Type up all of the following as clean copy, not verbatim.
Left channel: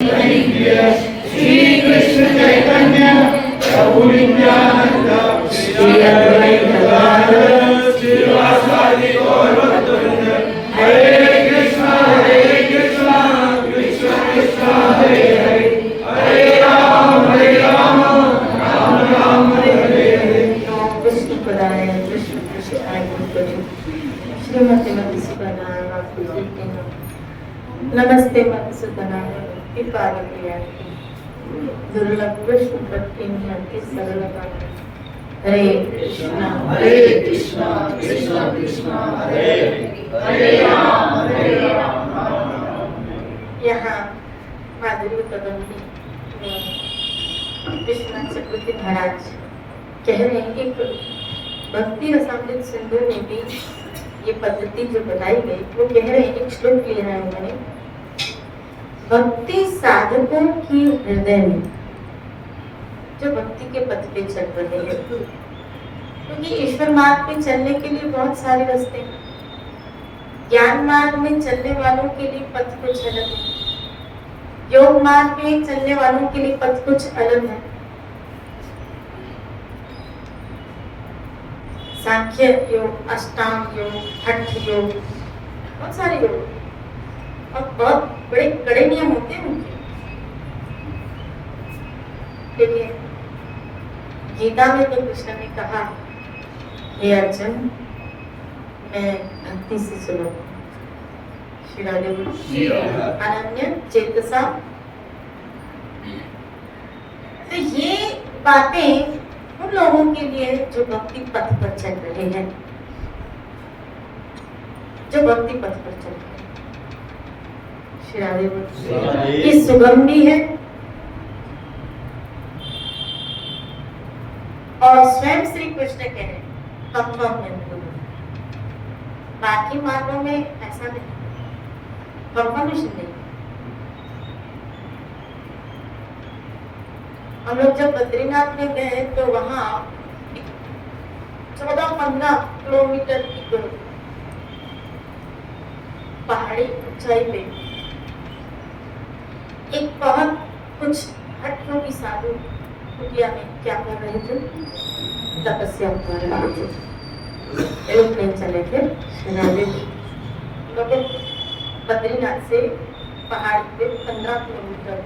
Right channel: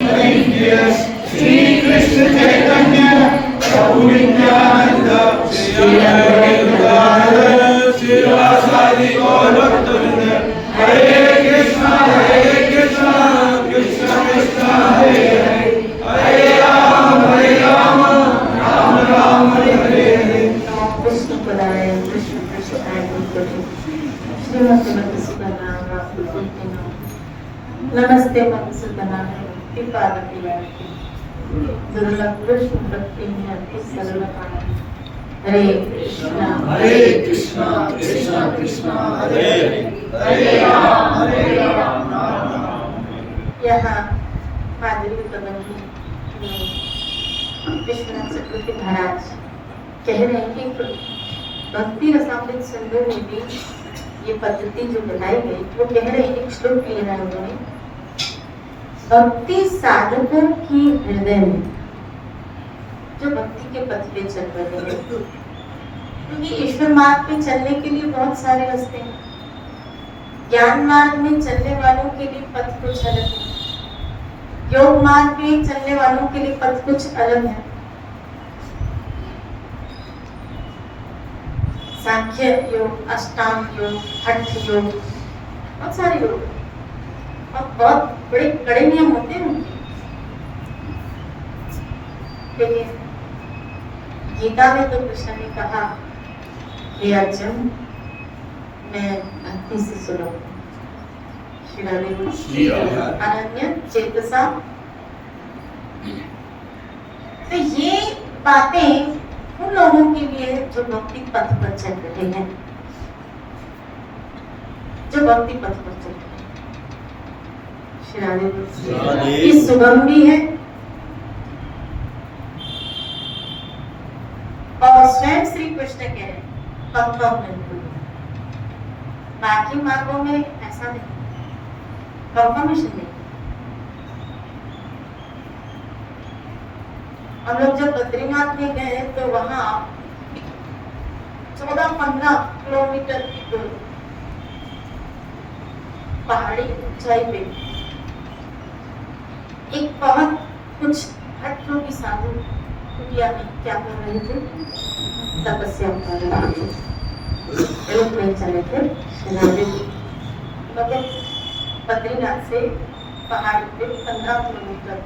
श्री कृष्ण चैतन्य प्रभु नित्यानंद श्री अद्वैत श्रीवासादि गौरवृंद हरे कृष्णा कृष्ण कृष्ण हरे हरे हरे राम राम राम हरे हरे। कृष्ण पराय कृष्ण कृष्ण आनंद श्रीमती नमस्ते मधुसूदना कृपादिया दुर्लभ कृष्ण प्रत्यय सर्वदा हरे कृष्ण कृष्ण कृष्ण हरे हरे राम यहाँ माधुरी कदम विश्वनाथ चक्रवर्ती महाराज कह रहे हैं कि भक्ति रसामृत सिंधु में भी ये पद्धति जो बताई गई वो कह रहे हैं, एक श्लोक ले रहे हैं उन्होंने, भक्ति साधकों की हृदय में जो भक्ति के पथ पे चल रहे हैं, क्योंकि ईश्वर मार्ग पे चलने के लिए बहुत सारे रास्ते हैं। ज्ञान मार्ग में चलने वालों के लिए पथ कुछ अलग है, योग मार्ग में चलने वालों के लिए पथ कुछ अलग है, सांख्य योग, अष्टांग योग, हठ योग, बहुत सारे योग और बहुत बड़े कड़े नियम होते हैं उनके। लेकिन गीता में तो कृष्ण ने कहा, हे अर्जुन मैं भक्ति से सुनो, अनन्य चेतसा। तो ये बातें उन लोगों के लिए जो भक्ति पथ पर चल रहे हैं, जो भक्ति पथ पर चल रहे हैं। ये सुगम भी है और स्वयं श्री कृष्ण कह रहे हैं बाकी मार्गों में ऐसा नहीं, कंफर्मेशन नहीं। हम लोग जब बद्रीनाथ में गए तो वहाँ 14-15 किलोमीटर की पहाड़ी ऊंचाई पे एक बहुत कुछ हठयोगी की साधु कुटिया में क्या कर रहे थे, तपस्या कर रहे थे। एरोप्लेन चले थे बद्रीनाथ से पहाड़ी पे 15 किलोमीटर।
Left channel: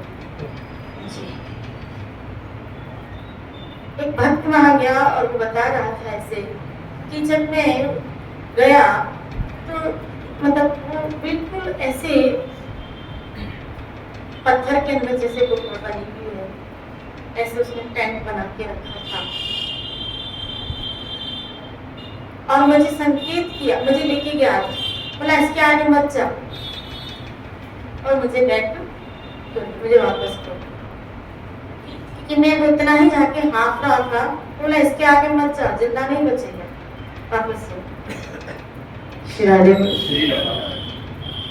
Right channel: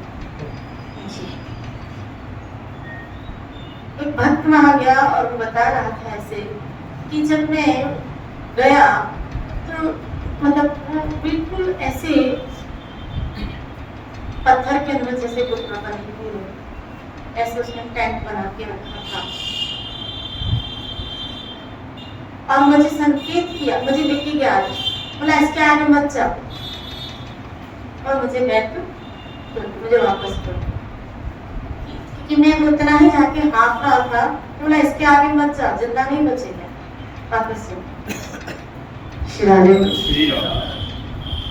एक भक्त वहां गया और वो बता रहा था ऐसे कि जब मैं गया तो मतलब वो बिल्कुल ऐसे पत्थर के अंदर जैसे गुफा बनी हुई है, ऐसे उसने टेंट बना के रखा था और मुझे संकेत किया, मुझे लेके गया, बोला इसके आगे मत जाओ और मुझे बैठ मुझे वापस करो कि मैं उतना ही जाके हाफ रहा था, बोला इसके आगे मत जा, जिंदा नहीं बचेगा, वापस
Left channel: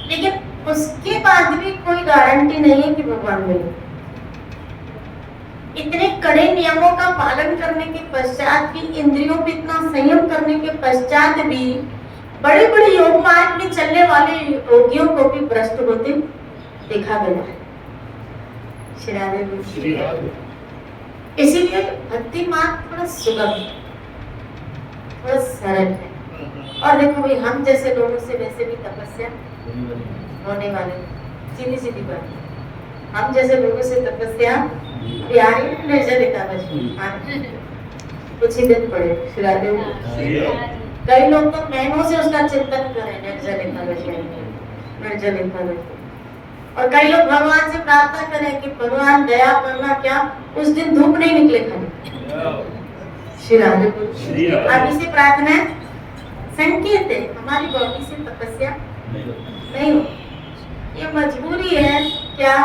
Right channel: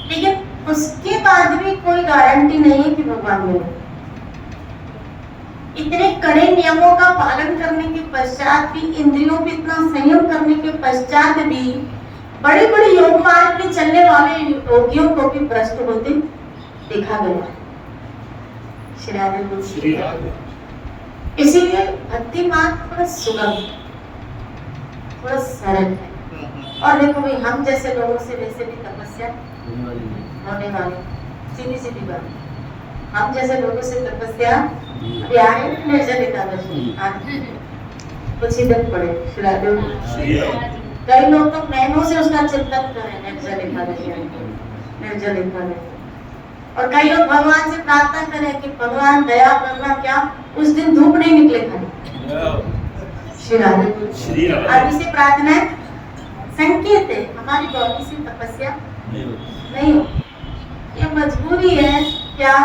लेकिन उसके बाद भी कोई गारंटी नहीं है कि भगवान मिले। इतने कड़े नियमों का पालन करने के पश्चात भी, इंद्रियों पे इतना संयम करने के पश्चात भी बड़े बड़े योग मार्ग में चलने वाले योगियों को भी भ्रष्ट होते देखा गया है। इसीलिए भक्ति मार्ग थोड़ा सुगम, थोड़ा सरल है। और देखो भाई, हम जैसे लोगों से वैसे भी तपस्या होने वाले, सीधी सीधी बात, हम जैसे लोगों से तपस्या निर्जल एकादशी कुछ ही दिन पड़े। कई लोग तो महीनों से उसका चिंतन करें, निर्जल एकादशी, निर्जल एकादशी। और कई लोग भगवान से प्रार्थना करें कि भगवान दया करना, क्या उस दिन धूप नहीं निकले खाने। आदि से प्रार्थना संकेत है, हमारी बॉडी से तपस्या नहीं हो, ये मजबूरी है क्या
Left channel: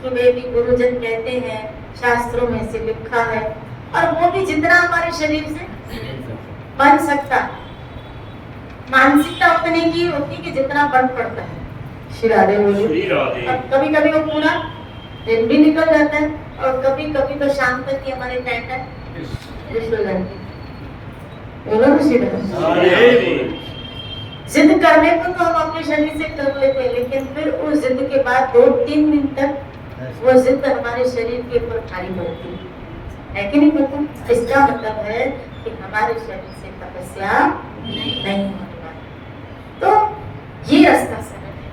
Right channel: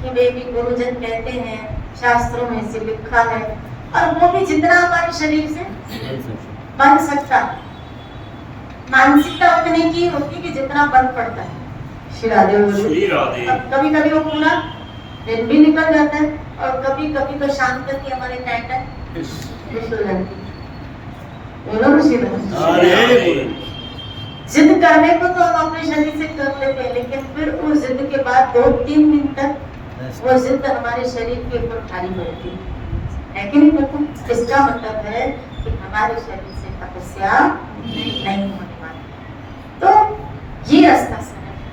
कि वे भी गुरुजन कहते हैं, शास्त्रों में से लिखा है, और वो भी जितना हमारे शरीर से बन सकता, मानसिकता उतने की होती कि जितना बन पड़ता है। अब कभी कभी वो पूरा दिन भी निकल जाता है और कभी कभी तो शाम तक ही हमारे जिद करने को तो हम अपने शरीर से कर लेते हैं, लेकिन फिर उस जिद के बाद 2-3 दिन तक वो जिद हमारे शरीर के ऊपर भारी पड़ती है कि नहीं पड़ता? इसका मतलब है कि हमारे शरीर से तपस्या नहीं होने वाली। तो ये रास्ता सरल है,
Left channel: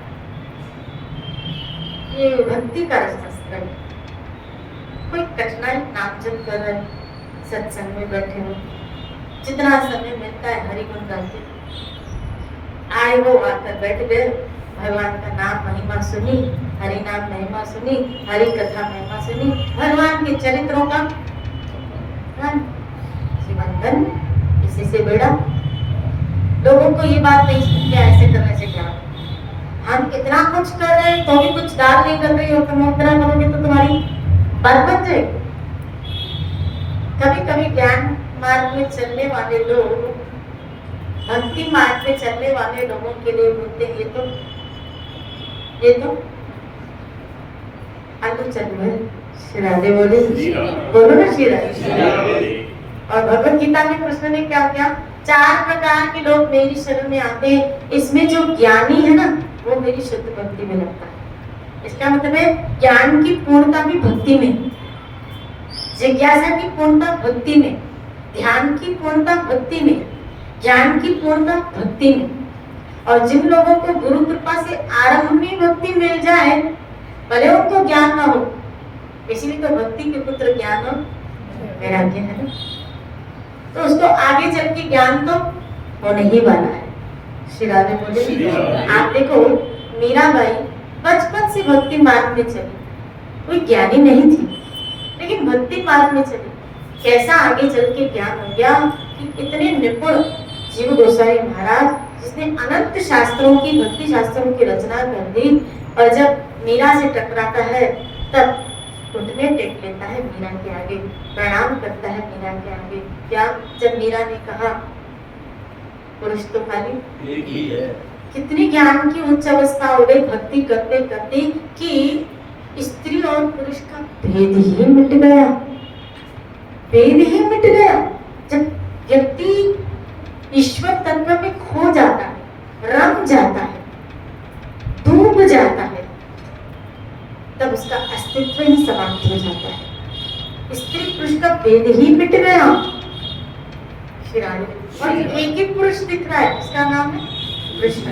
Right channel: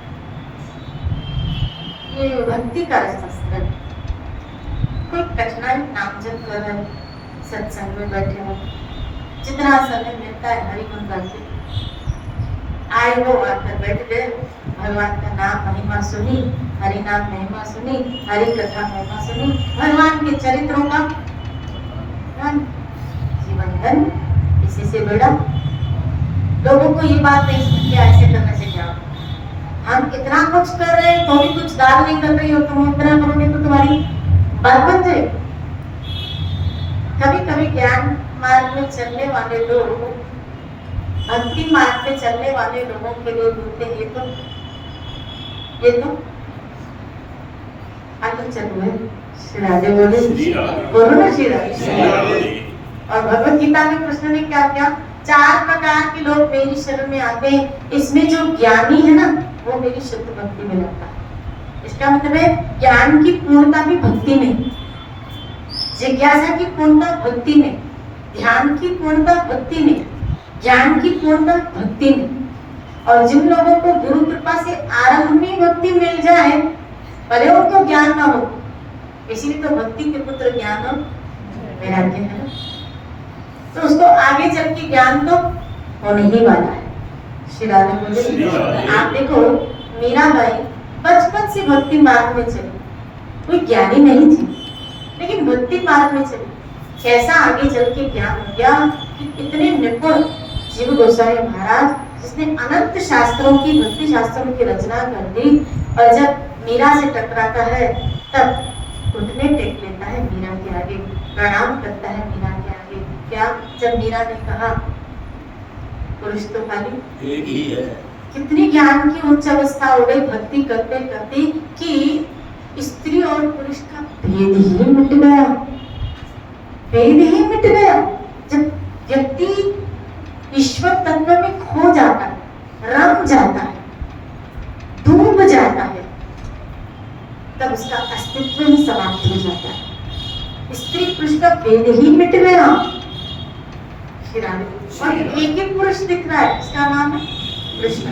ये भक्ति का रास्ता सरल है। कोई कठिनाई नाम जप कर रहे, सत्संग में बैठे हो, जितना समय मिलता है हरि गुण गाते आए वो आकर बैठ गए, भगवान का नाम महिमा सुनी, हरि नाम महिमा सुनी, हरि कथा महिमा सुनी, भगवान के चरित्रों का जीवन धन इसी से बेड़ा। लोगों को ये बात नहीं सुनती ऐसे करने से क्या, हम इतना कुछ कर रहे हैं तो भी कुछ दान नहीं कर रही हो, तुम इतना करोगे तो तुम्हारी बात बन जाएगी। कभी कभी ज्ञान मार्ग में चलने वाले लोग भक्ति मार्ग में चलने वाले लोगों के लिए बोलते हैं ये तो आगे चल रहे श्री राधे बोले, बोलो ना श्री राधे। और भगवत गीता में कृष्ण ने क्या किया, 4 प्रकार के लोग मेरी शरण में आते हैं, इसमें जो ज्ञानी है ना वो मेरी शुद्ध भक्ति में लगता है। इसका मतलब है ज्ञान की पूर्णता भी भक्ति में, जिज्ञासा की पूर्णता भक्ति में, ध्यान की पूर्णता भक्ति में, ज्ञान की पूर्णता भक्ति में। और जिन लोगों को गुरु कृपा से आरंभ में भक्ति मिल जाए, भले उनको ज्ञान ना हो, इसीलिए तो भक्ति के पुत्र ज्ञान हो वैराग्य है ना, तो उसको आगे चल के ज्ञान तो होने ही वाला है। श्री राधे बोले, आप देखो मीराबाई बचपन से भक्ति मार्ग में चली, कोई ज्ञानी नहीं थी लेकिन भक्ति मार्ग में चली। कैसा आगे चल के ज्ञान हो गया कि इतने निपुण जीव गोसाई महाराज जिसने अनंत शास्त्रों की, भक्ति शास्त्रों की रचना कर दी, और जब मीरा से टकराता है तब घुटने टेक लेता है मीरा के आगे, प्रणाम करता है मीरा के आगे। क्या? जब मीरा ने कहा पुरुष तो खाली एक ही है। कितनी ज्ञान की उच्च अवस्था हो गई भक्ति करते करते कि स्त्री और पुरुष का भेद ही मिट गया, भेद ही मिट गया। जब व्यक्ति ईश्वर तत्व में खो जाता है, रम जाता है, डूब जाता है, तब उसका अस्तित्व ही समाप्त हो जाता है। स्त्री पुरुष का भेद ही मिट गया। और एक ही पुरुष दिख रहा है, उसका नाम है कृष्ण।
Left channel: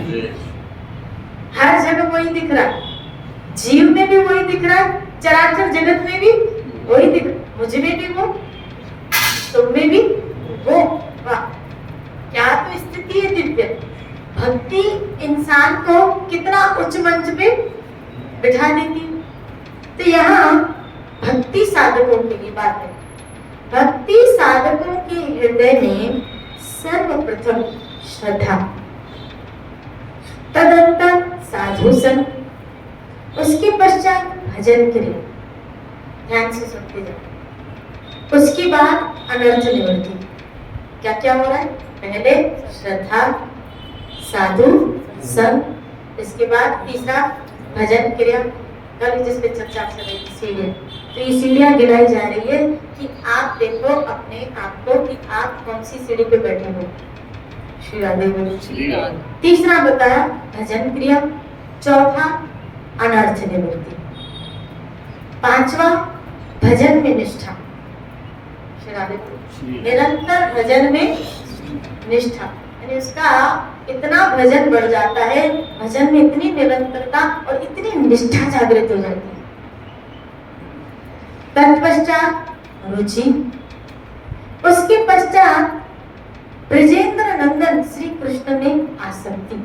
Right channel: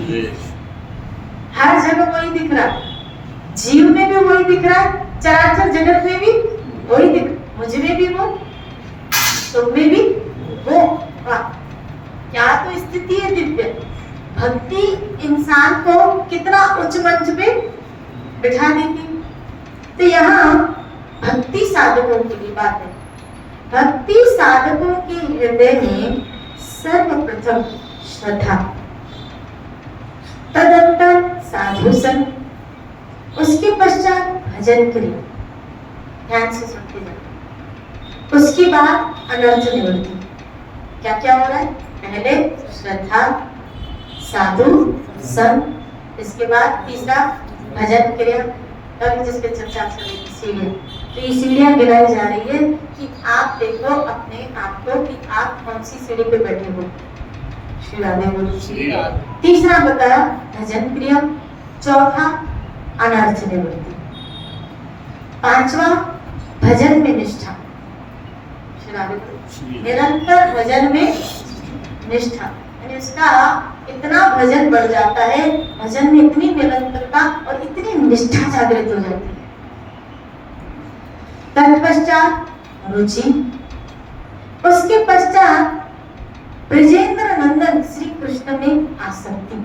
हर जगह वही दिख रहा है, जीव में भी वही दिख रहा है, चराचर जगत में भी वही दिख, मुझ में भी वो, तुम में भी वो। क्या तो स्थिति है दिव्य। भक्ति इंसान को कितना उच्च मंच पे बिठा देती। तो यहाँ भक्ति साधकों के लिए बात है। भक्ति साधकों के हृदय में सर्वप्रथम श्रद्धा, तदंतर साधु संग, उसके पश्चात भजन क्रिया। ध्यान से सुनते जाओ। उसके बाद अनर्थ निवृत्ति। क्या क्या हो रहा है? पहले श्रद्धा, साधु संग, इसके बाद तीसरा भजन क्रिया। जिस पे चर्चा सीढ़ियाँ, तो ये सीढ़ियाँ गिनाई जा रही है कि आप देखो अपने आप को कि आप कौन सी सीढ़ी पे बैठे हो। श्री राधे बोलो। तीसरा बताया भजन क्रिया, चौथा अनर्थ निवृत्ति, पांचवा भजन में निष्ठा। श्री राधे बोलो। निरंतर भजन में निष्ठा, यानी उसका इतना भजन बढ़ जाता है, भजन में इतनी निरंतरता और इतनी निष्ठा जागृत हो जाती है। तत्पश्चात रुचि, उसके पश्चात ब्रजेंद्र नंदन श्री कृष्ण में आसक्ति,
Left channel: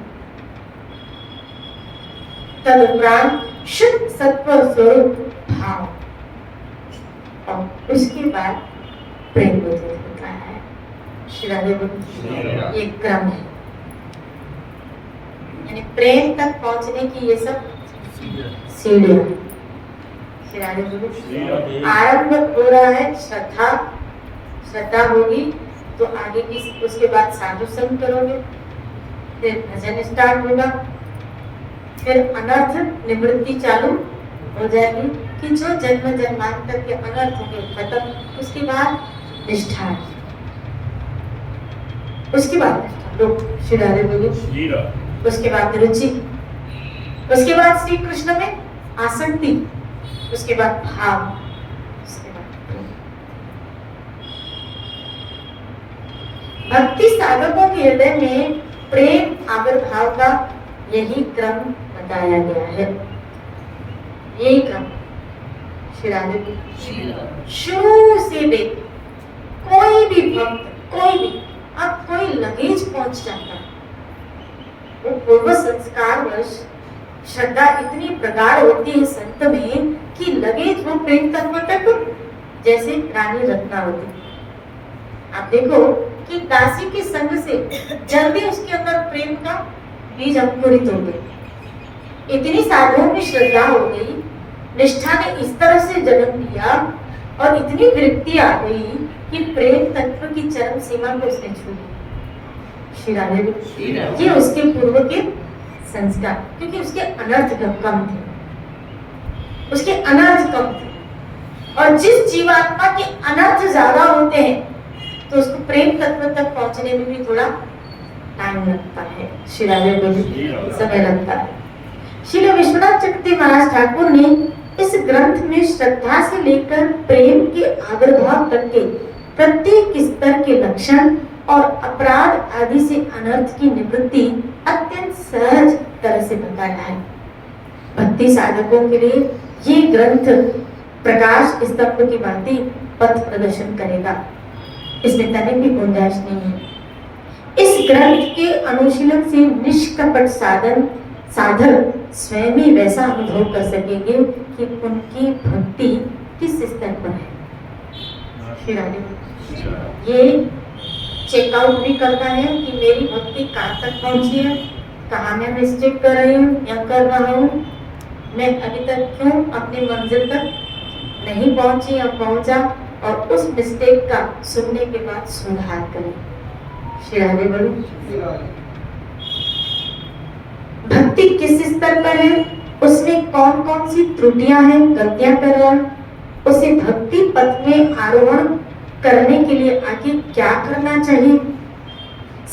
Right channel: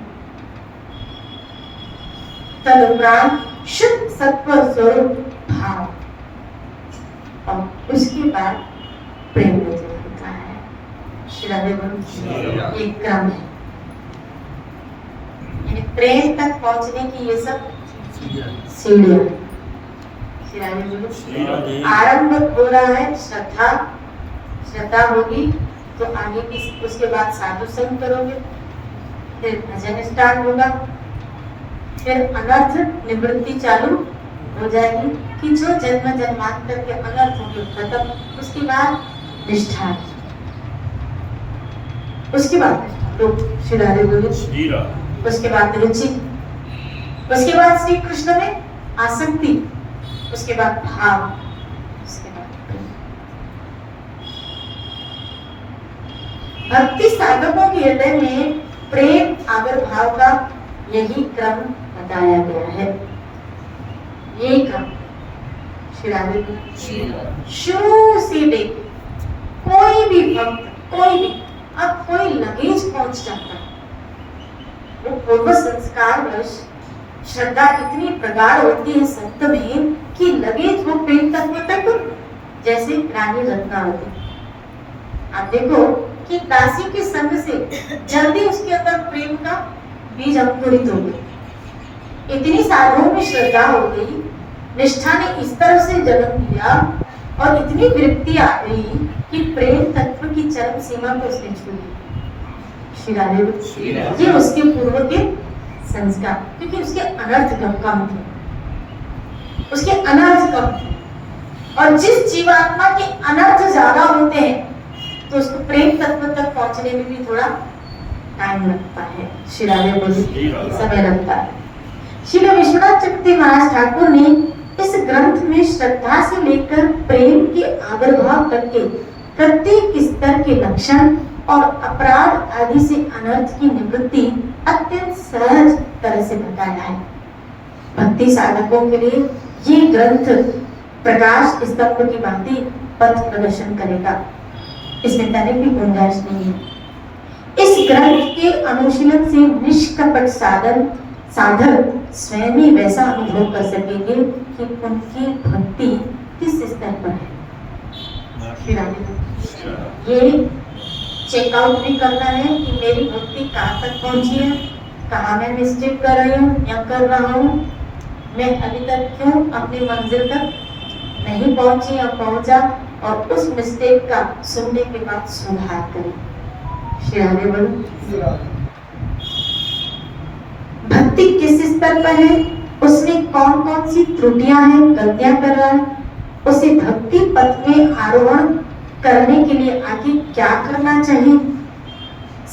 तदुपरांत शुद्ध सत्व स्वरूप भाव, और उसके बाद प्रेम में होता है। श्री राधे बोलो। ये क्रम है, यानी प्रेम तक पहुंचने की ये सब सीढ़ियां। श्री राधे बोलो। आरंभ हो रहा है श्रद्धा, श्रद्धा होगी तो आगे की, उसके बाद साधु संग करोगे, फिर भजन स्टार्ट होगा, फिर अनर्थ निवृत्ति चालू हो जाएगी कि जो जन्म जन्मांतर के अनर्थ होंगे खत्म। उसके बाद निष्ठा, उसके बाद लोग श्री राधे बोले। उसके बाद रुचि, उसके बाद श्री कृष्ण में आसक्ति, उसके बाद भाव, उसके बाद प्रेम। भक्ति साधकों के हृदय में प्रेम आविर्भाव का यही क्रम बताया गया है। यही क्रम श्री राधे शुरू से देख कोई भी भक्त, कोई भी, अब कोई लगेज पहुंच जाता है, वो पूर्व संस्कार वश श्रद्धा इतनी प्रगाढ़ होती है संत में कि लगेज वो प्रेम तत्व तक जैसे रानी रत्नावती। आप देखो कि दासी के संग से जल्दी उसके अंदर प्रेम का बीज अंकुरित हो गया। इतनी साधुओं में श्रद्धा हो गई, निष्ठा ने इस तरह से जन्म लिया और इतनी वृत्ति आ गई कि प्रेम तत्व की चरम सीमा को उसने छू ली। श्री राधे, ये उसके पूर्व के संस्कार, क्योंकि उसके अनर्थ कम थे, उसके अनर्थ कम थे। और जिस जीवात्मा के अनर्थ ज्यादा होते हैं तो उसको प्रेम तत्व तक पहुंचने में भी थोड़ा टाइम लगता है। श्री राधे, समय लगता है। श्री विश्वनाथ चक्रवर्ती महाराज ठाकुर ने इस ग्रंथ में श्रद्धा से लेकर प्रेम के आविर्भाव तक के प्रत्येक स्तर के लक्षण और अपराध आदि से अनर्थ की निवृत्ति अत्यंत सहज तरह से बताया है। भक्ति साधकों के लिए ये ग्रंथ प्रकाश स्तंभ की भांति पथ प्रदर्शन करेगा, इसमें तनिक भी गुंजाइश नहीं है। इस ग्रंथ के अनुशीलन से निष्कपट साधक स्वयं ही वैसा अनुभव कर सकेंगे कि उनकी भक्ति किस स्तर पर है। ये चेकआउट भी करना है कि मेरी भक्ति कहाँ तक पहुंची है, कहाँ मैं मिस्टेक कर रही हूँ या कर रहा हूँ, मैं अभी तक क्यों अपनी मंजिल तक नहीं पहुंची या पहुंचा, और उस मिस्टेक का सुनने के बाद सुधार करें। श्री राधे बोलो। भक्ति किस स्तर पर है, उसमें कौन कौन सी त्रुटियां हैं, गलतियां कर रहा है, उसे भक्ति पथ में आरोहण करने के लिए आगे क्या करना चाहिए,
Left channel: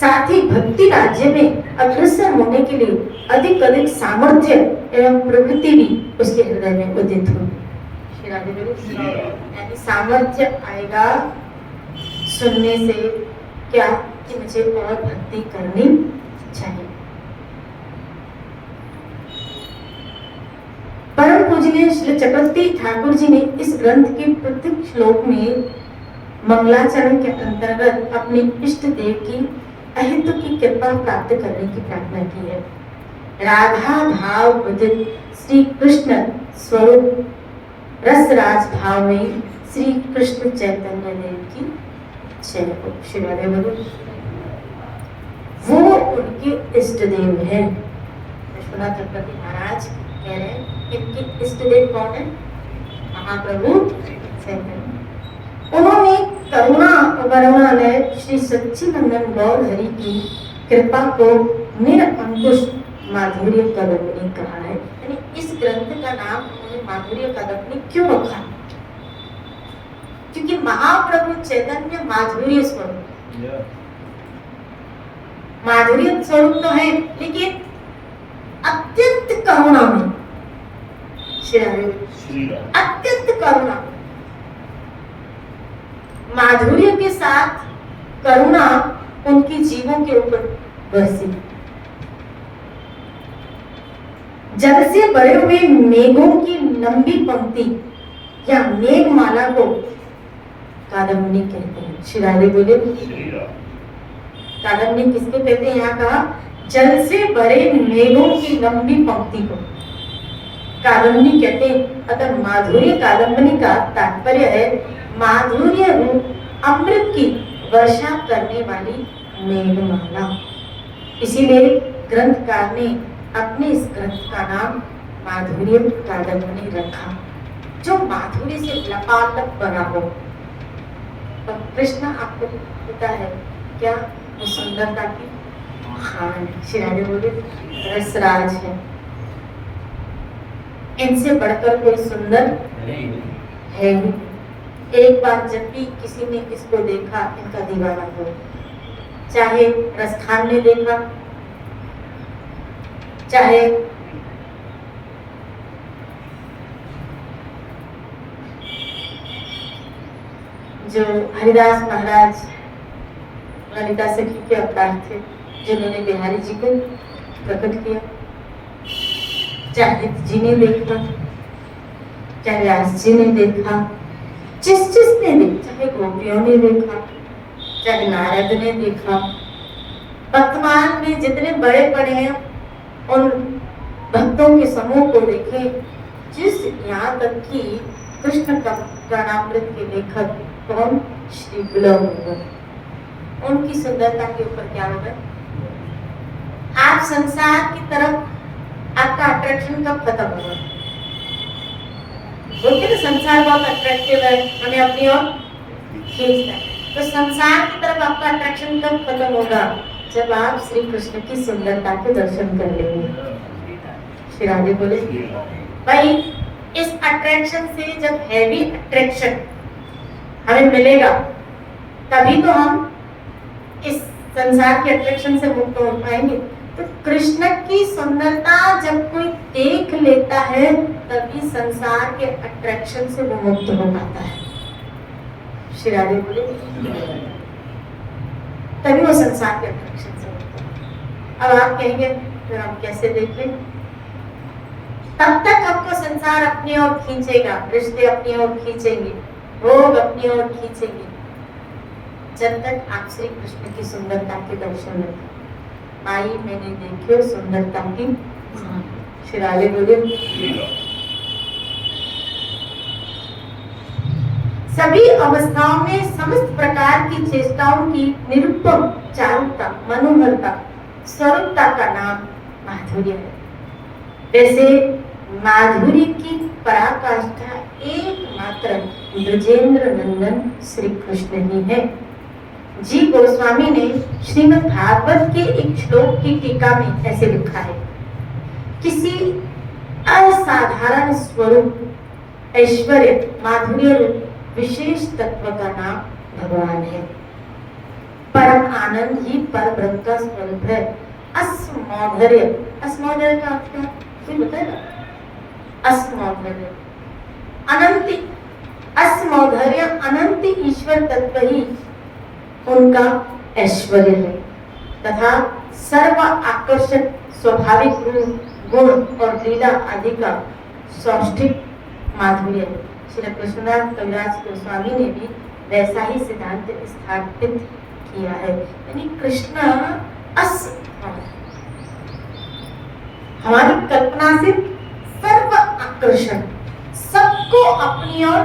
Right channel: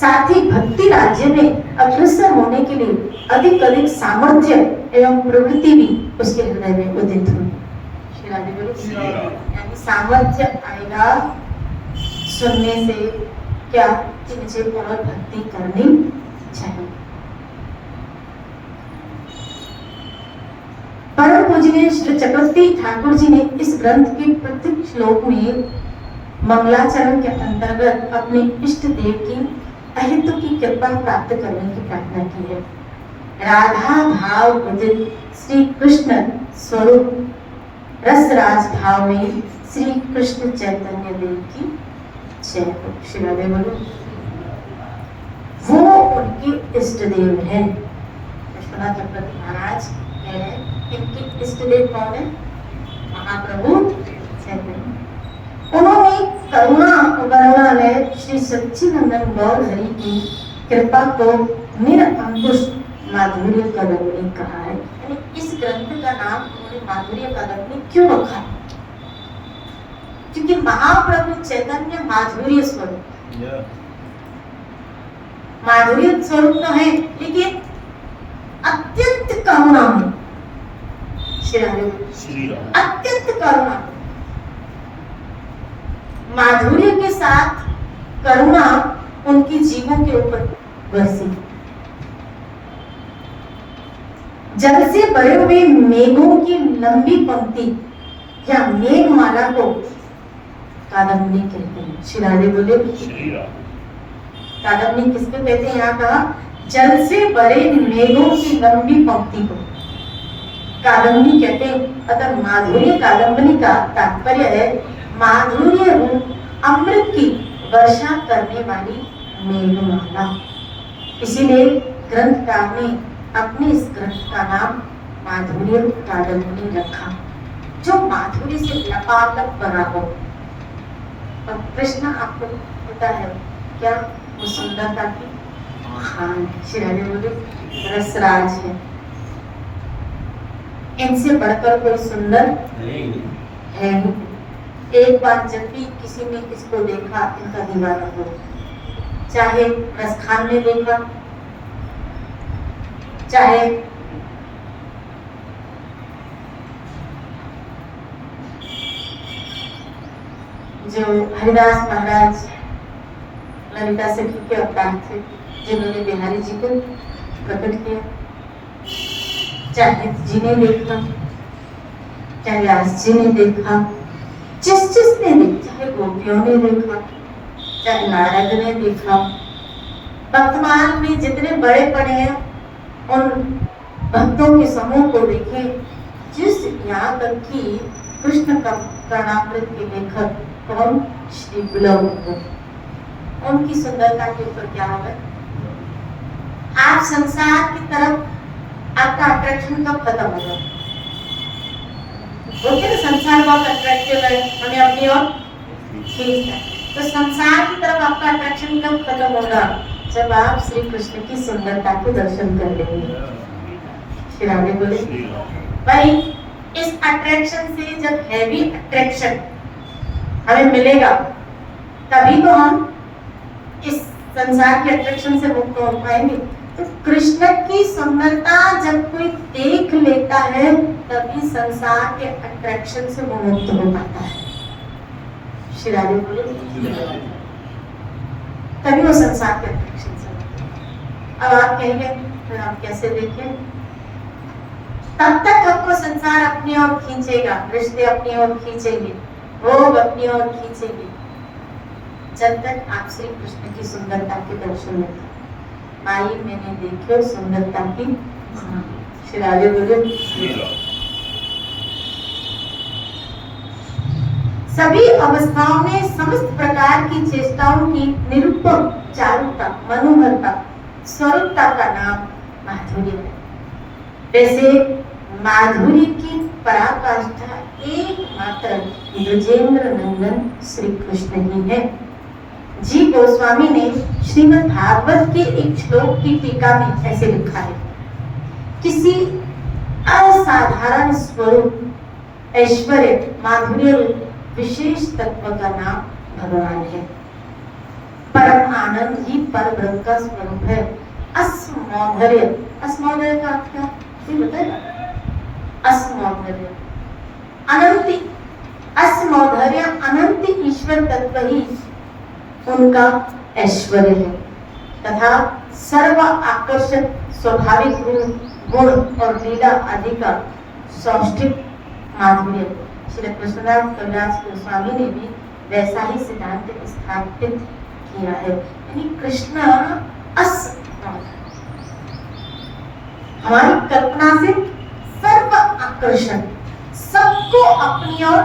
साथ ही भक्ति राज्य में अग्रसर होने के लिए अधिक सामर्थ्य एवं प्रवृत्ति भी उसके हृदय में उदित हो। यानी सामर्थ्य आएगा सुनने से क्या कि मुझे और भक्ति करनी चाहिए। परम पूजनीय श्री चक्रवर्ती ठाकुर जी ने इस ग्रंथ के प्रत्येक श्लोक में मंगलाचरण के अंतर्गत अपने इष्ट देव की अहितु की कृपा प्राप्त करने की प्रार्थना की है। राधा भाव उदित श्री कृष्ण स्वरूप रसराज भाव में श्री कृष्ण चैतन्य देव की जय हो। श्री राधे बोलो। वो उनके इष्ट देव हैं। विश्वनाथ चक्रवर्ती महाराज कह रहे हैं इनके इष्ट देव कौन है? महाप्रभु चैतन्य। उन्होंने करुणालय श्री सच्चिदानंद गौर हरि की कृपा को निरंकुश माधुर्य कदम्बनी कहा है। यानी इस ग्रंथ का नाम उन्होंने माधुर्य कदम्बनी क्यों रखा है? क्योंकि महाप्रभु चैतन्य माधुर्य स्वरूप, माधुर्य स्वरूप तो है लेकिन अत्यंत करुणा में, अत्यंत करुणा, माधुर्य के साथ करुणा उनकी जीवों के ऊपर बरसी। जल से भरे हुए मेघों की लंबी पंक्ति या मेघमाला को कादम्बनी कहते हैं। श्री राधे बोले। कादम्बनी किसको कहते हैं? यहाँ कहा जल से भरे मेघों की लंबी पंक्ति को कादम्बनी कहते हैं। अतः माधुर्य कादम्बनी का तात्पर्य है माधुर्य रूप अमृत की वर्षा करने वाली मेघमाला। इसीलिए ग्रंथकार ने अपने इस ग्रंथ का नाम माधुर्य कादम्बनी रखा, जो माधुर्य से लबालब बना हो। तो कृष्ण आपको पता है क्या? वो सुंदरता की महान है। श्री राधे बोले रसराज है, इनसे बढ़कर कोई सुंदर है ही। एक बार जब भी किसी ने इसको देखा इनका दीवाना हो, चाहे रसखान ने देखा, चाहे जो हरिदास महाराज ललिता सखी के अवतार थे, जिन्होंने बिहारी जी को प्रकट किया, चाहे जी ने देखा, चाहे व्यास जी ने देखा, जिसने देखा, चाहे गोपियों ने देखा, चाहे नारद ने देखा, वर्तमान में जितने बड़े बड़े हैं उन भक्तों के समूह को देखे, जिस यहाँ तक कि कृष्ण का प्राणामृत के लेखक कौन, श्री गुलाब, उनकी सुंदरता के ऊपर क्या होगा? आप संसार की तरफ आपका अट्रैक्शन कब खत्म होगा? बोलते ना संसार बहुत अट्रैक्टिव है, हमें अपनी ओर खींचता है। तो संसार की तरफ आपका अट्रैक्शन कब खत्म होगा? जब आप श्री कृष्ण की सुंदरता के दर्शन कर लेंगे। श्री राधे बोले भाई, इस अट्रैक्शन से जब हैवी अट्रैक्शन हमें मिलेगा तभी तो हम इस संसार के अट्रैक्शन से मुक्त हो पाएंगे। तो कृष्ण की सुंदरता जब कोई देख लेता है तभी संसार के अट्रैक्शन से वो मुक्त हो पाता है। श्री राधे बोले तभी वो संसार के अट्रैक्शन से मुक्त हो। अब आप कहेंगे फिर हम कैसे देखें? तब तक आपको संसार अपनी ओर खींचेगा, रिश्ते अपनी ओर खींचेंगे, भोग अपनी ओर खींचेंगे, जब तक आप श्री कृष्ण की सुंदरता के दर्शन में। माई मैंने देखो सुंदरता की। श्री राधे बोले सभी अवस्थाओं में समस्त प्रकार की चेष्टाओं की निरुपम चारुता, मनोहरता, स्वरूपता का नाम माधुर्य है। वैसे माधुर्य की पराकाष्ठा एकमात्र ब्रजेंद्र नंदन श्री कृष्ण ही है। जी गोस्वामी ने श्रीमद् भागवत के एक श्लोक की टीका में ऐसे लिखा है, किसी असाधारण स्वरूप, ऐश्वर्य, माधुर्य रूप विशेष तत्व का नाम भगवान है। परम आनंद ही पर ब्रह्म का स्वरूप है। अस्मौधर्य, अस्मौधर्य का अर्थ क्या है बताएगा? अस्मौधर्य अनंत, अस्मौधर्य अनंत ईश्वर तत्व ही उनका ऐश्वर्य है तथा सर्व आकर्षक स्वाभाविक गुण और लीला आदि का सौष्ठिक माधुर्य है। श्री कृष्णदास कविराज गोस्वामी ने भी वैसा ही सिद्धांत स्थापित किया है। यानी कृष्ण हमारी कल्पना से सर्व आकर्षण, सबको अपनी ओर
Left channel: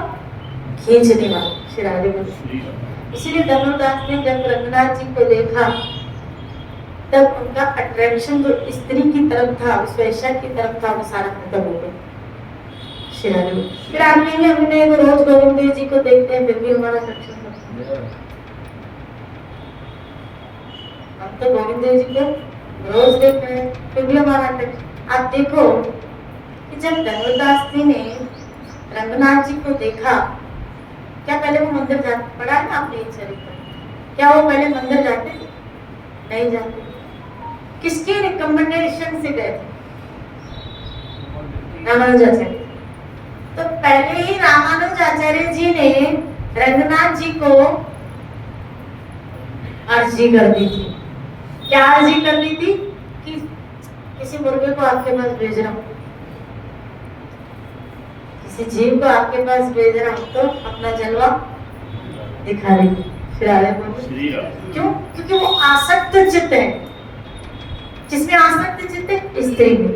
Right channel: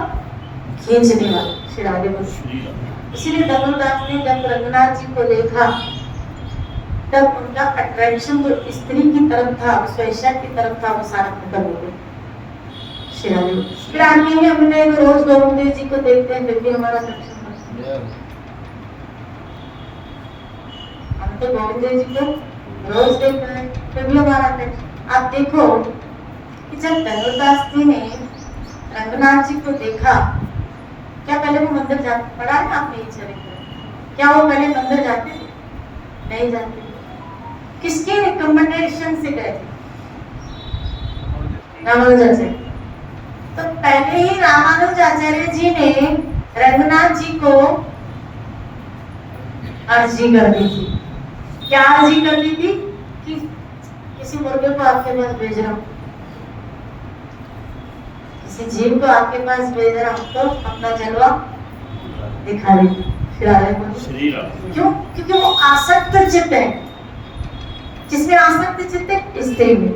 खींचने वाला। श्री राधे बोले इसलिए धनुदास ने जब रंगनाथ जी को देखा तब उनका अट्रैक्शन जो स्त्री की तरफ था, स्वेच्छा की तरफ था, वो सारा खत्म हो गया। फिर आप कहेंगे हमने रोज गोविंद देव जी को देखते हैं फिर भी हमारा अट्रैक्शन होता है। हम तो गोविंद देव जी को रोज देखते हैं फिर भी हमारा अट्रैक्शन। आप देखो कि जब धनुदास जी ने रंगनाथ जी को देखा, क्या पहले वो मंदिर जाते? पढ़ा है आपने ये चरित्र? क्या वो पहले मंदिर जाते थे? नहीं जाते। किसके रिकमेंडेशन से गए थे? रामानुजाचार्य। तो पहले ही रामानुजाचार्य जी ने रंगनाथ जी को अर्जी कर दी थी। क्या अर्जी कर दी थी? कि किसी मुर्गे को आपके पास भेज रहा हूँ, किसी जीव को आपके पास भेज रहा हूँ, तो अपना जलवा दिखा रही। क्यों? क्योंकि वो आसक्त चित्त है। किसमें आसक्त चित्त है? स्त्री में।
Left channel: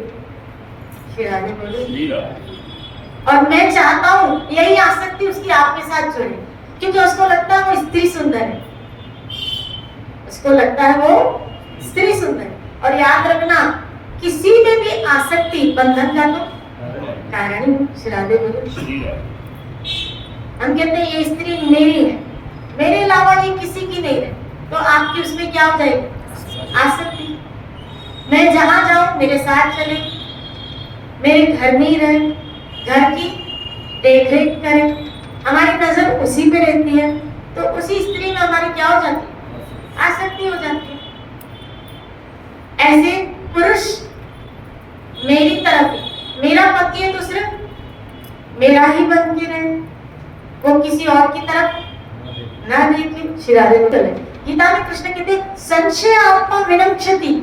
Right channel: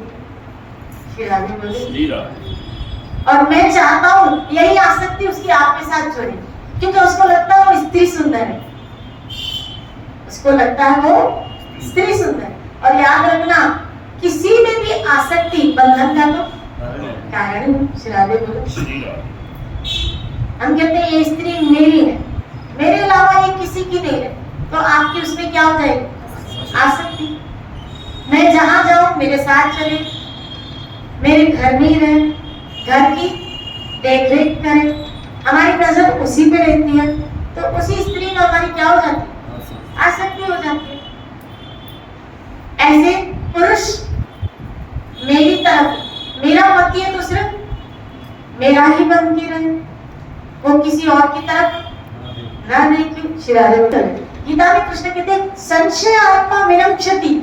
और मैं चाहता हूँ यही आसक्ति उसकी आप के साथ छोड़े, क्योंकि उसको लगता है वो स्त्री सुंदर है, उसको लगता है वो स्त्री सुंदर है। और याद रखना, किसी में भी आसक्ति बंधन का तो कारण। श्रादे बोलो हम कहते हैं ये स्त्री मेरी है, मेरे अलावा ये किसी की नहीं है, तो आपकी उसमें क्या हो जाएगी? आसक्ति। मैं जहां जाऊं मेरे साथ चले, मेरे घर में ही रहे, घर की देख रेख करे, हमारी नजर उसी पे रहती है, तो उसी स्त्री में हमारी क्या हो जाती है? आसक्ति हो जाती है। ऐसे पुरुष मेरी तरफ, मेरा पति है तो सिर्फ मेरा ही बन के रहे, वो किसी और की तरफ ना देखिए श्री राधे बोले गीता में कृष्ण कहते हैं संशय आत्मा विनश्यति।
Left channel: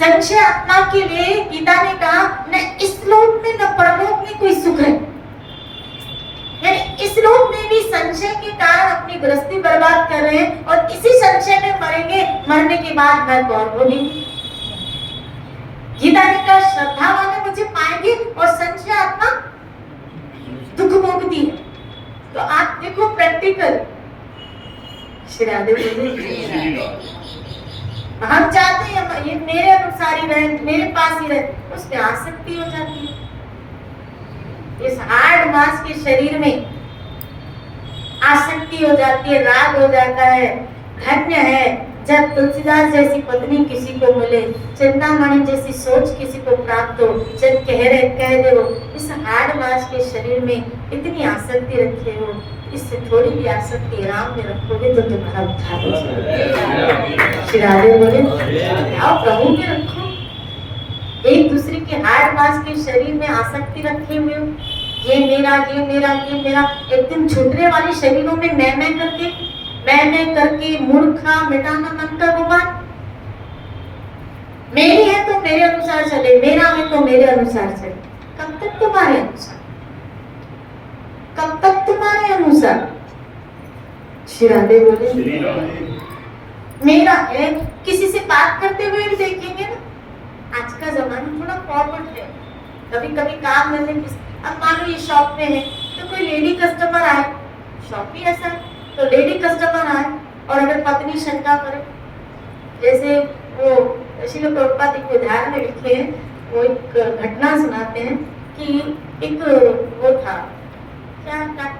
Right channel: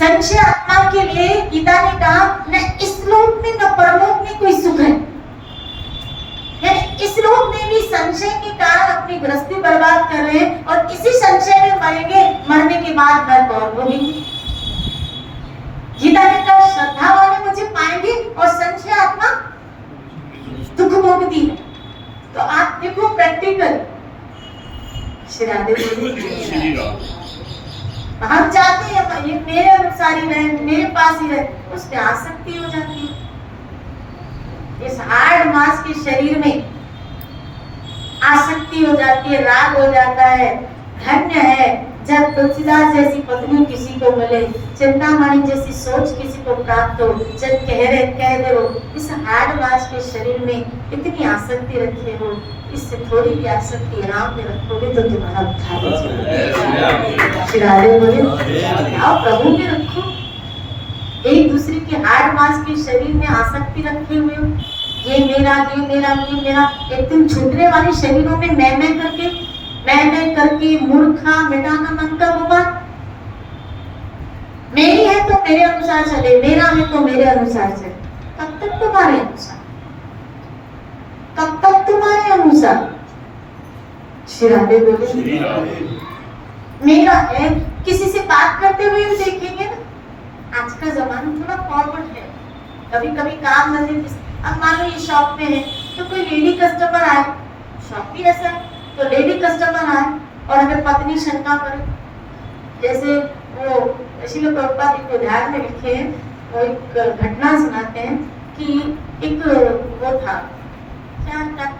संशय आत्मा के लिए गीता ने कहा न इस लोक में न परलोक में कोई सुख है। यानी इस लोक में भी संशय के कारण अपनी गृहस्थी बर्बाद कर रहे हैं और इसी संशय में मरेंगे, मरने के बाद घर कौन बोलेंगे। गीता ने कहा श्रद्धा वाले मुझे पाएंगे और संशय आत्मा दुख भोगती है। तो आप देखो प्रैक्टिकल श्री राधे हम चाहते हैं ये मेरे अनुसार ही रहे, मेरे पास ही रहे, उसमें आसक्ति हो जाती है। इस हार्ड मांस के शरीर में आसक्ति हो जाती है, राग हो जाता है। धन्य है जब तुलसीदास जैसी पत्नी किसी को मिले, चिंतामणि जैसी सोच किसी को प्राप्त हो। जब कह दे हो इस हार्ड मांस के शरीर में इतनी आसक्ति रखे हो, इससे थोड़ी भी आसक्ति आराम में रखोगे तो तुम्हारा उद्धार हो जाएगा। श्री राधे बोले आप प्रभु में रखो। एक दूसरे के हार्ड मांस के शरीर में आसक्ति रखे हुए हो, ये मेरा ये मेरा ये मेरा। एक दिन छूटने वाले शरीरों में मैं करके मूर्खा मिटाना मन का गुमान। मेरी है तो मेरे अनुसार चले, मेरा है तो मेरे अनुसार चले। कब तक तुम्हारे अनुसार, कब तक तुम्हारे अनुसार। श्री राधे बोले मेरा है। किसी से बात करते हुए देखेंगे ना, आज का जमाना थोड़ा फॉरवर्ड है। कभी कभी काम नहीं, अब मान लो ये शॉप में है तो कोई लेडी कस्टमर आए, शॉप भी ऐसा है तो लेडी कस्टमर आए और अगर पत्नी शंका करे, जैसे वो श्रील प्रभुपाद एक उदाहरण में लिखे हैं, वो एक घटना सुनाते हैं कि एक वो था क्या तो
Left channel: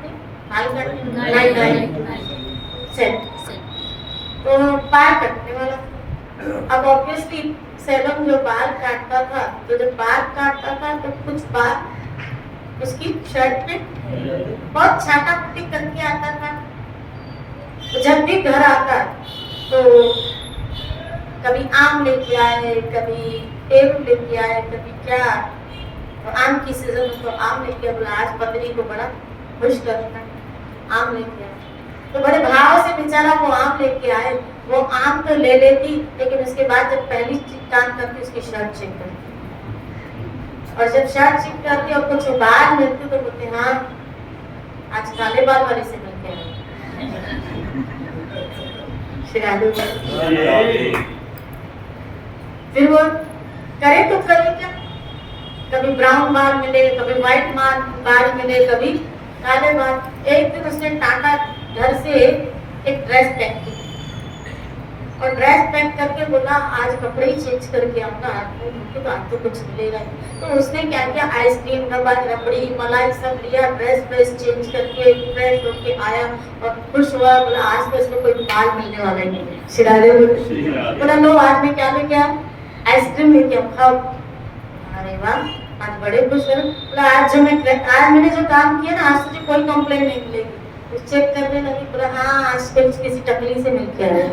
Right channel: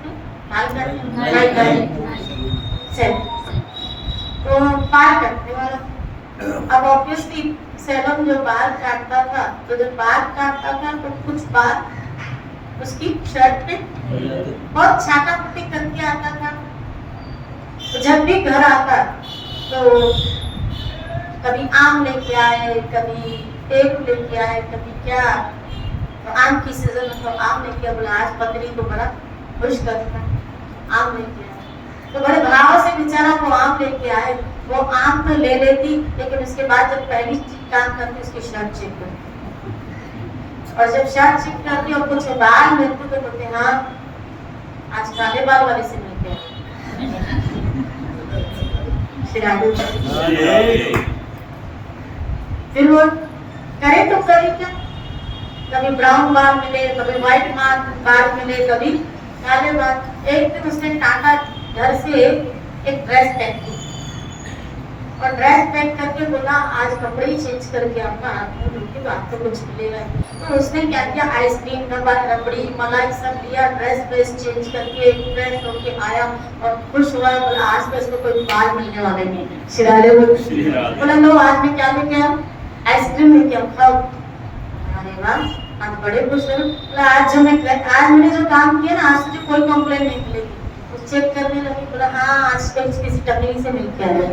बाल काटने वाला। अब ऑब्वियसली सैलून जो बाल काटता था, तो जब बाल काटता था तो कुछ बाल उसकी शर्ट पे बहुत छाटा पुटी करके आता था। तो जब भी घर आता तो कभी आम लेके आए, कभी टेबल लेके आए, कभी क्या। तो आम की सीजन में तो आम लेके बोला आज पत्नी को बड़ा खुश करता है, आम लेके आए। तो बड़े भाव से बेचारा वो आम लेके आए। वो आम तो ले लेती, लेकिन उसके बाद जब पहली काम करती उसकी शर्ट चेक करती, और जब शर्ट चेक करती और कुछ बाल मिलते तो बोलते हाँ आज काले बाल वाले से मिलते हैं। फिर वो करे तो करे क्या, कभी ब्राउन बाल मिले, कभी व्हाइट बाल मिले, कभी काले बाल। एक दिन उसने टाटा घर से एक ड्रेस पैक की और ड्रेस पैक करके बोला आज कपड़े ही चेंज करके आपका आपको धोके तो आपको कुछ मिलेगा। तो उसने क्या किया, आइसक्रीम रबड़ी मलाई सब लिया, ड्रेस चेंज करके ड्रेस धो के आया और खुश हुआ। बोला आज तो इसको कोई बाल मिलने वाला नहीं। शिरारे बोला लो आज मैं क्या लेके आऊं, आइसक्रीम लेके आओ खाओ। अरे वाह आज बड़े खुश हो। बोला आज मैंने जो काम किया ना आज तुझे कोई कंप्लेंट नहीं मिलेगी। चेक करने लगी, बोला हाँ आज कल किसी टकली से मिलके आया।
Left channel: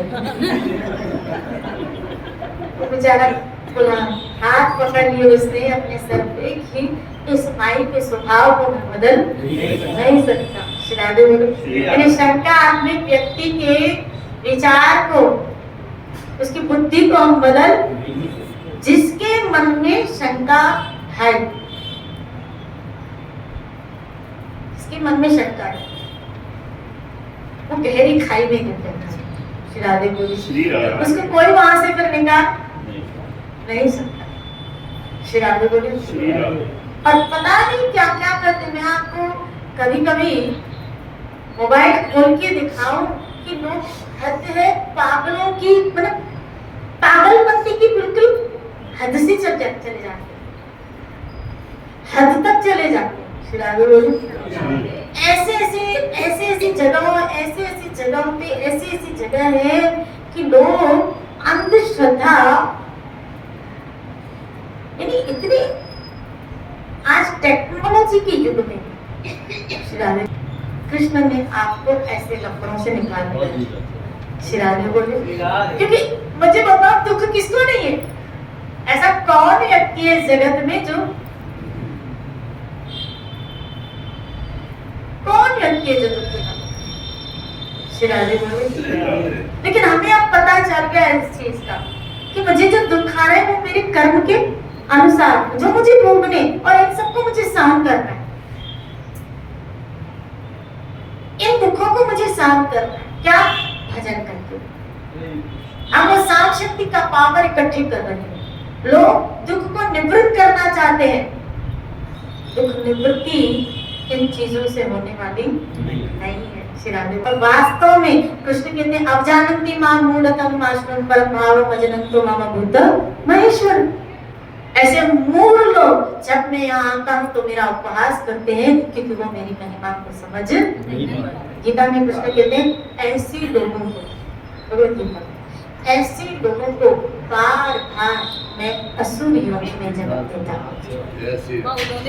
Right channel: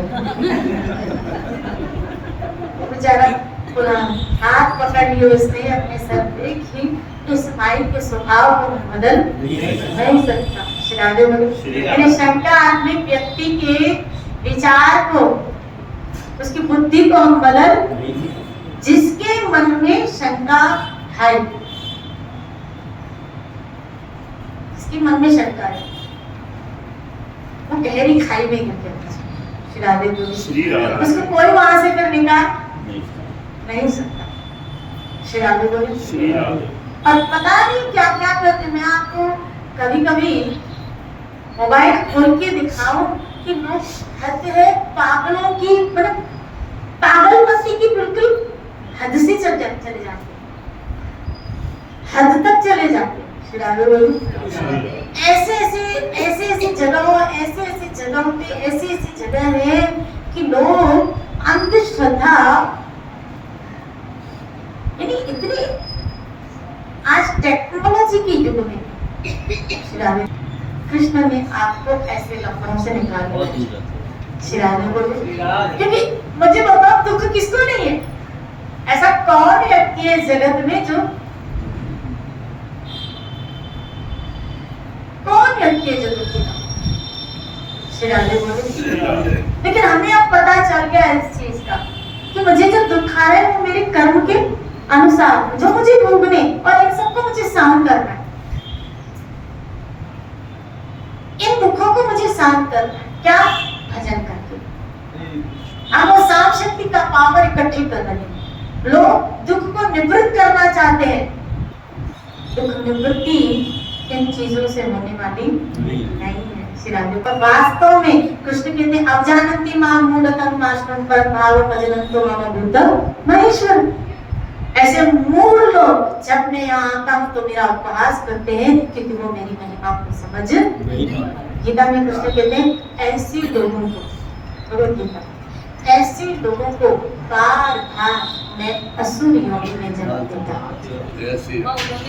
वो बेचारा बोला हाथ पकड़ लिया उसने अपने सर पे कि इस माई के स्वभाव को बदल नहीं सकता। शिरादे बोले शंका आत्मिक व्यक्ति के विचार को, उसकी बुद्धि को हम बदल, जिसके मन में शंका है, जिसके मन में शंका है वो गहरी खाई में गिर जाता है। श्री राधे बोले उसको कोई वहां से कर निकाल नहीं सकता। श्री राधे बोले और पता नहीं क्या क्या करते। मैं आपको कभी कभी मोबाइल खोल के दिखाऊं कि लोग हद है पागलों की, मतलब पागलपंती की बिल्कुल हद से चले जाते, हद तक चले जाते। श्री राधे बोले ऐसे जगहों पे ऐसी जगह है कि लोग अंधश्रद्धा, यानी इतनी आज टेक्नोलॉजी के युग में कृष्ण ने आपको ऐसे लफड़ों से निकाल दिया। शिराने बोले क्योंकि मुझे बताओ दुख किसको नहीं है, ऐसा कौन व्यक्ति है जगत में जो, कौन व्यक्ति है जो दुखी ना, श्री राधे बोले। लेकिन हमें अब पता चल गया इस चीज का कि मुझे जो दुख आ रहा है वो मेरे कर्म के अनुसार जो मुझे भोगने और इन सबको मुझे सहन करना है। इन दुखों को मुझे सहन करना है, क्या? भजन करके। हम वो सात शक्ति का पावर इकट्ठी कर रहे हैं। लोग दुख को निवृत्त करना चाहते हैं। दुख निवृत्ति इन चीजों से होने वाली नहीं है। श्री राधे पर वास्तव में कृष्ण कहते हैं अवजानन्ति मां मूढ़तम नाशनं पर भाव भजनंतो मम भूत महेश्वर। ऐसे मूढ़ लोग जब मैं यहाँ आता हूँ तो मेरा उपहास करते हैं क्योंकि वो मेरी महिमा को समझ नहीं। गीता में कृष्ण कहते हैं ऐसी लोगों को, भगवत गीता, ऐसी लोगों को बार बार मैं असुर योनि में जन्म देता हूँ,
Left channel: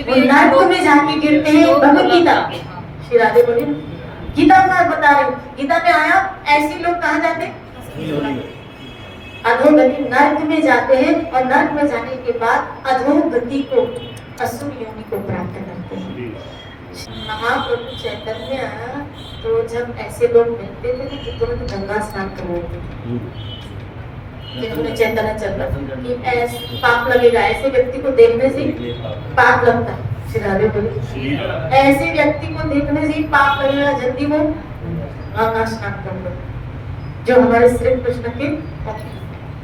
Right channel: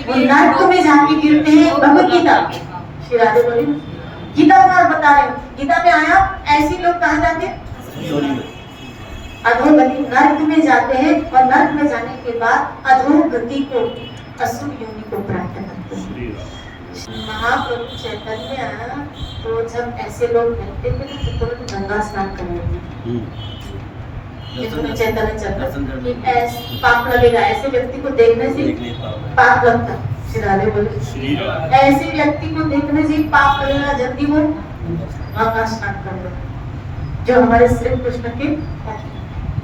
वो नरक में जाके गिरते हैं। भगवत गीता श्री राधे बोले, गीता में बता रहे हूँ, गीता में आया ऐसे लोग कहाँ जाते हैं? अधोगति, नरक में जाते हैं और नरक में जाने के बाद अधोगति को, असुर योनि को प्राप्त करते हैं। महाप्रभु चैतन्य तो जब ऐसे लोग मिलते थे तो तुरंत गंगा स्नान कर लेते थे। चैतन्य चल कि ऐसे पाप लगेगा, ऐसे व्यक्ति को देखने से पाप लगता। श्री राधे बोले, ऐसे व्यक्ति को देखने से पाप लगेगा, जल्दी वो गंगा स्नान कर लो। जो हमारे श्री कृष्ण के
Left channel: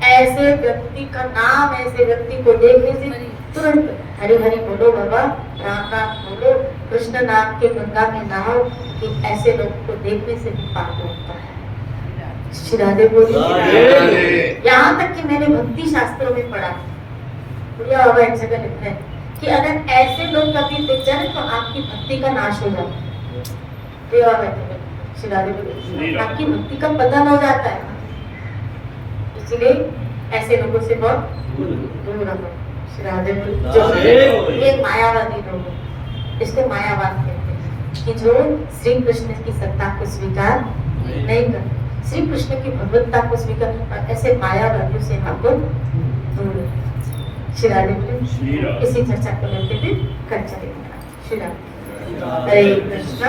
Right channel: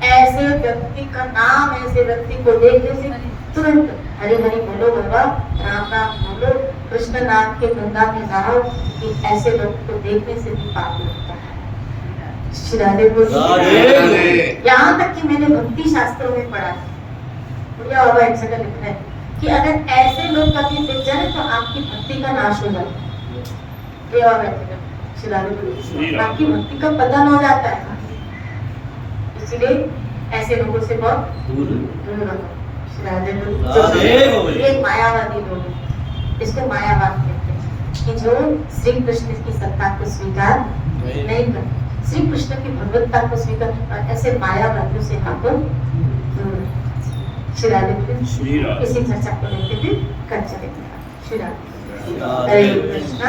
ऐसे व्यक्ति का नाम, ऐसे व्यक्ति को देखने से तुरंत हरि हरि बोलो बाबा, राम राम बोलो, कृष्ण नाम के गंगा में नहाओ, कि ऐसे लोग को देखने से भी पाप लगता है। श्री राधे बोले, यहाँ तक कि मैंने भक्ति शास्त्रों में पढ़ा, बढ़िया बाबा एक जगह लिखा है कि अगर ऐसे लोग कभी दिख जाए तो आपकी भक्ति का नाश हो जाता है। श्री राधे बोले, आपकी भक्ति का पतन हो जाता है। इसलिए ऐसे लोगों से बहुत दूर रहो। श्री राधे बोले, ये मायावादी लोग, इसको मायावाद कहते हैं, कि जो श्री कृष्ण की सत्ता को स्वीकार नहीं करते, श्री कृष्ण की भगवत्ता को स्वीकार, ऐसे मायावादियों से हमको दूर। श्री राधे बोले, इसी चर्चा को लेते हुए कर चलेंगे। श्री राधे, हरे कृष्ण।